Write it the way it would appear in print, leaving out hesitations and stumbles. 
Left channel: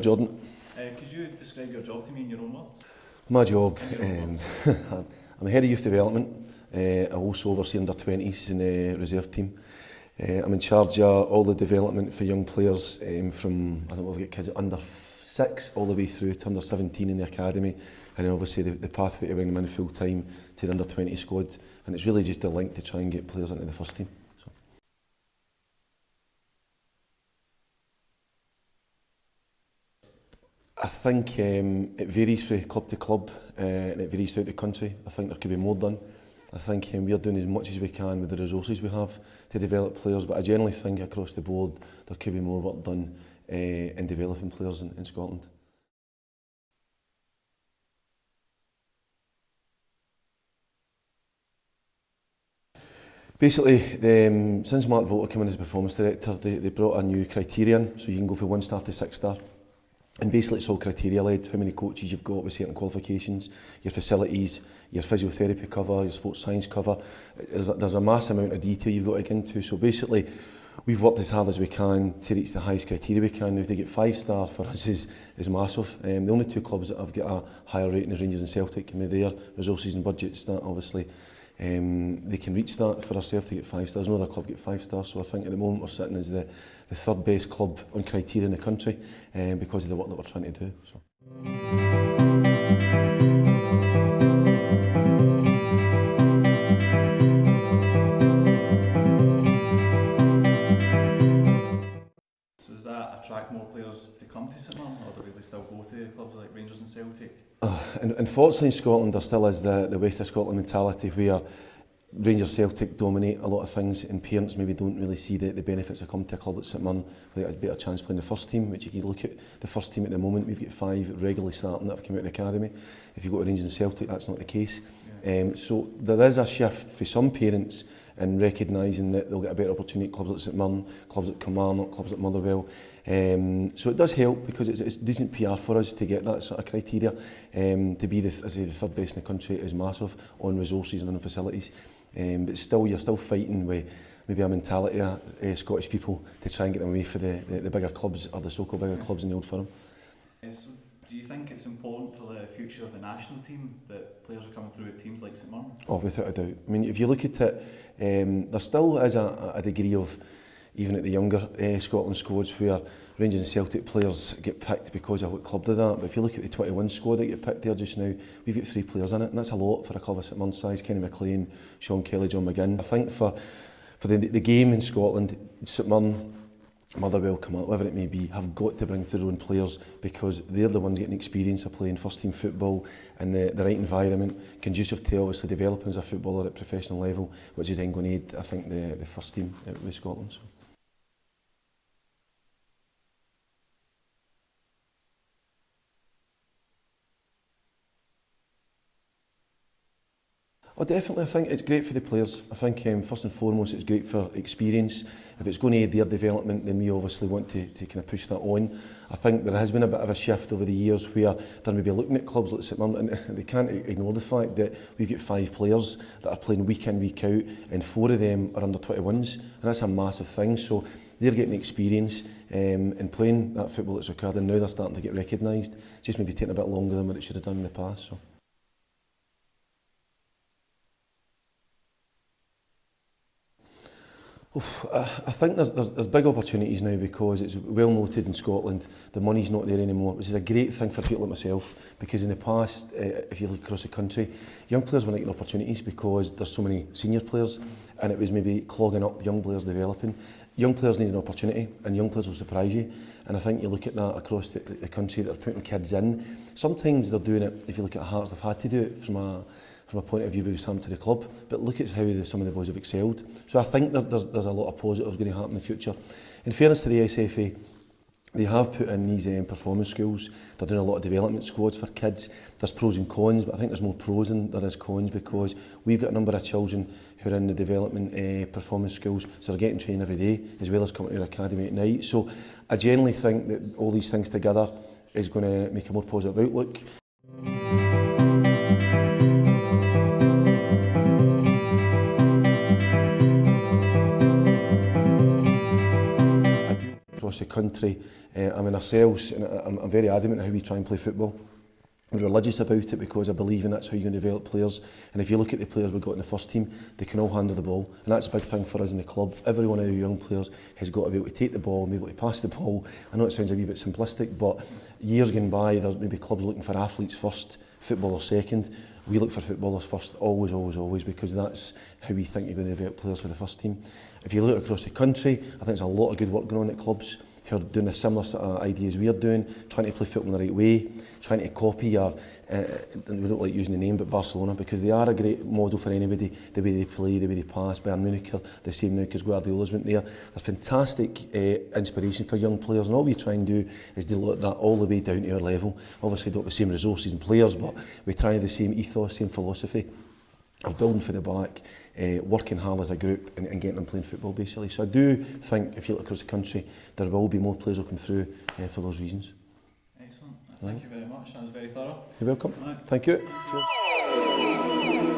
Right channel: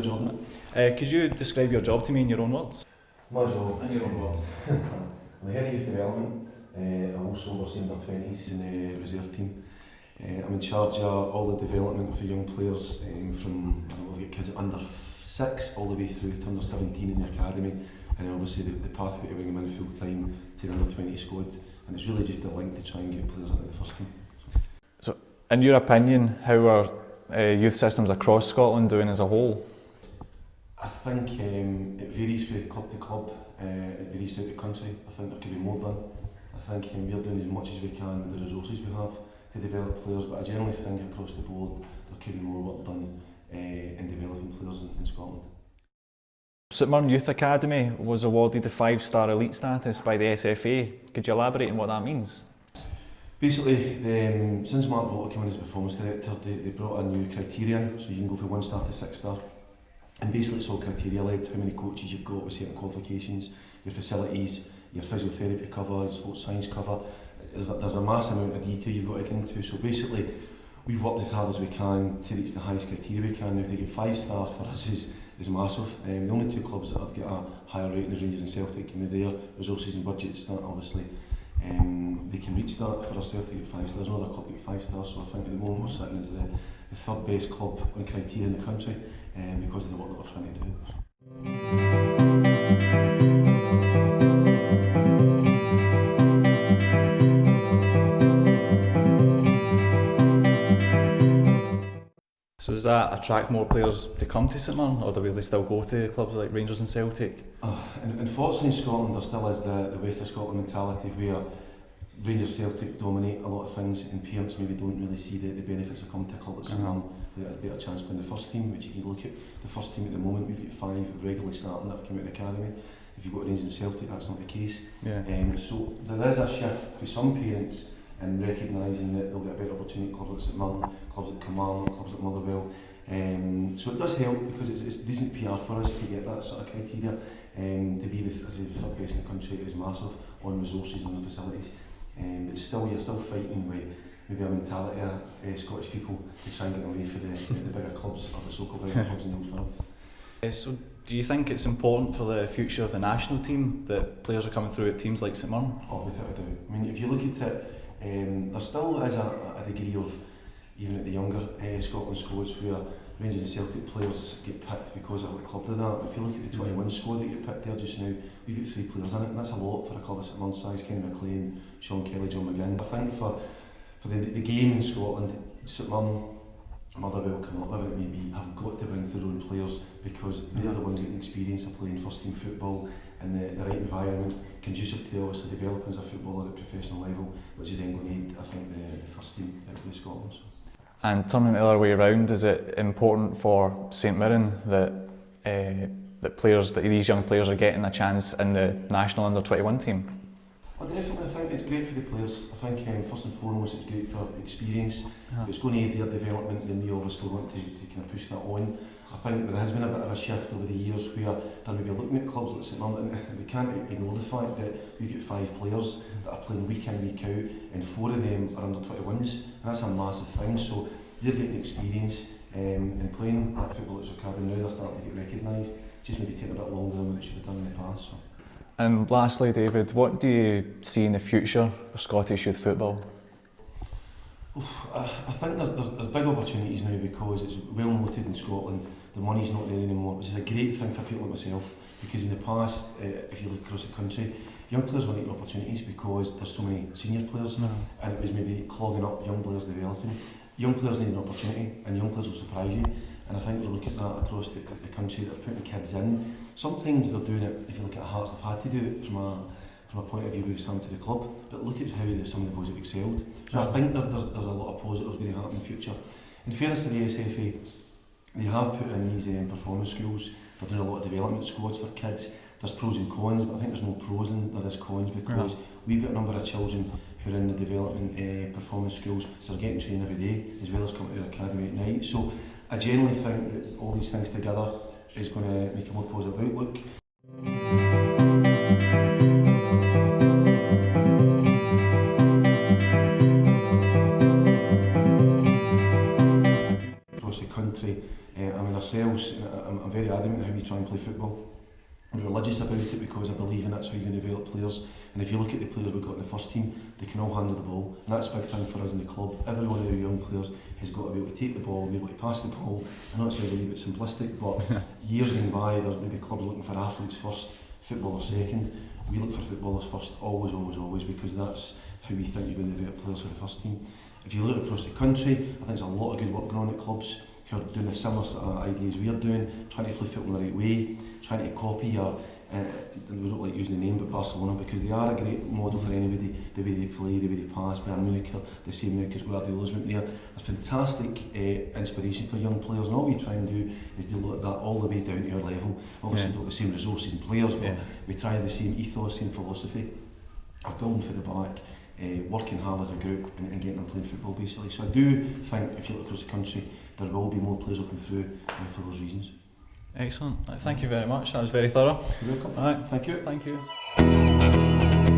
Pleasure, Jordan. Could you describe your job to me in your own words? My job, I'm the head of youth development. I also oversee under-20s in the reserve team. I'm in charge of all the development for young players from, I think we've got kids at under 6 all the way through to under 17 in the academy, and then obviously the pathway to bring them in full time to the under 20 squad, and it's really just a link to try and get players into the first team. So in your opinion, how are youth systems across Scotland doing as a whole? I think it varies from club to club, and it varies throughout the country. I think there could be more done. I think we're doing as much as we can with the resources we have to develop players, but I generally think across the board there could be more work done in developing players in Scotland. St.Mirren Youth Academy was awarded the 5-star elite status by the SFA. Could you elaborate on what that means? Basically, since Mark Volter came in as performance director, they brought a new criterion, so you can go from 1-star to 6-star. And basically it's all criteria led, how many coaches you've got with certain qualifications, your facilities, your physiotherapy cover, your sports science cover. There's a massive amount of detail you've got to get into. So basically, we've worked as hard as we can to reach the highest criteria we can. Now, if they get 5-star for us is massive. The only two clubs that have got a higher rating is Rangers and Celtic, and with their resources and budgets, that obviously they can reach that. For ourselves to get 5 stars, no other club get 5 stars. So I think at the moment we're sitting as the third best club on criteria in the country because of the work that we're trying to do. So does that attract more players to come to St Mirren, or do they still go to clubs like Rangers and Celtic? Unfortunately in Scotland there still is the West of Scotland mentality where Rangers Celtic dominate a lot of things and parents maybe don't really see the benefits of coming to a club like St Mirren. They get a better chance playing the first team, which you can look at the first team at the moment, we've got 5 regularly starting that have come out of the academy. If you go to Rangers and Celtic, that's not the case. So there is a shift for some parents in recognising that they'll get a better opportunity at clubs like St Mirren, clubs like Kilmarnock, clubs like Motherwell. So it does help because it's decent PR for us to get that sort of criteria. To be the third best in the country is massive on resources and on the facilities. But still, you're still fighting with maybe a mentality of Scottish people to try and get them away for the bigger clubs or the so-called bigger clubs in the Old Firm. So do you think it's important for the future of the national team that players are coming through at teams like St Mirren? Oh, without a doubt. I mean, if you look at it, there still is a degree of, even at the younger Scotland squads, where Rangers and Celtic players get picked because of what club they're at. But if you look at the 21 squad that get picked there just now, we've got 3 players in it, and that's a lot for a club of St Mirren size. Kenny McLean, Sean Kelly, John McGinn. I think for the game in Scotland, St Mirren, Motherwell, Kilmarnock, whatever it may be, have got to bring through their own players because they're the ones getting experience of playing first team football in the right environment, conducive to obviously developing as a footballer at professional level, which is then going to aid, I think, the first team with Scotland. So. And turning the other way around, is it important for St Mirren that that these young players are getting a chance in the national under-21 team? Oh, definitely. I think it's great for the players. I think first and foremost it's great for experience. If it's going to aid their development, then we obviously want to kind of push that on. I think there has been a bit of a shift over the years where they're maybe looking at clubs like St Mirren and they can't ignore the fact that we've got 5 players that are playing week in, week out, and 4 of them are under 21s, and that's a massive thing. So they're getting experience and playing that football that's occurred, and now they're starting to get recognised. It's just maybe taking a bit longer than what it should have done in the past. So. And lastly, David, what do you see in the future for Scottish youth football? I think there's big opportunities now because it's well noted in Scotland the money's not there anymore, which is a great thing for people like myself, because in the past, if you look across the country, young players were not getting opportunities because there's so many senior players and it was maybe clogging up young players developing. Young players need an opportunity and young players will surprise you, and I think you look at that across the country that are putting kids in. Sometimes they're doing it, if you look at Hearts, they've had to do it from a point of view because coming to the club, but look at how some of the boys have excelled. So I think there's a lot of positives going to happen in the future. In fairness to the SFA, they have put in these performance schools. They're doing a lot of development squads for kids. There's pros and cons, but I think there's more pros than there is cons because we've got a number of children who are in the development performance schools, so they're getting trained every day as well as coming to our academy at night. So I generally think that all these things together is going to make a more positive outlook. Across the country, I mean ourselves, and I'm very adamant on how we try and play football. We're religious about it because I believe in that's how you're going to develop players. And if you look at the players we've got in the first team, they can all handle the ball. And that's a big thing for us in the club. Every one of our young players has got to be able to take the ball and be able to pass the ball. I know it sounds a wee bit simplistic, but years gone by, there's maybe clubs looking for athletes first, footballers second. We look for footballers first, always, always, always, because that's how we think you're going to develop players for the first team. If you look across the country, I think there's a lot of good work going on at clubs who are doing a similar sort of ideas we're doing, trying to play football the right way, trying to copy our, and we don't like using the name, but Barcelona, because they are a great model for anybody, the way they play, the way they pass. Bayern Munich are the same now because Guardiola's went there. A fantastic inspiration for young players, and all we try and do is develop that all the way down to our level. Obviously don't have the same resources and players, but we try the same ethos, same philosophy of building for the back, working hard as a group and getting them playing football basically. So I do think if you look across the country, there will be more players who come through for those reasons. Excellent. Thank you very much. That was very thorough. You're welcome. All right. Thank you. Thank you.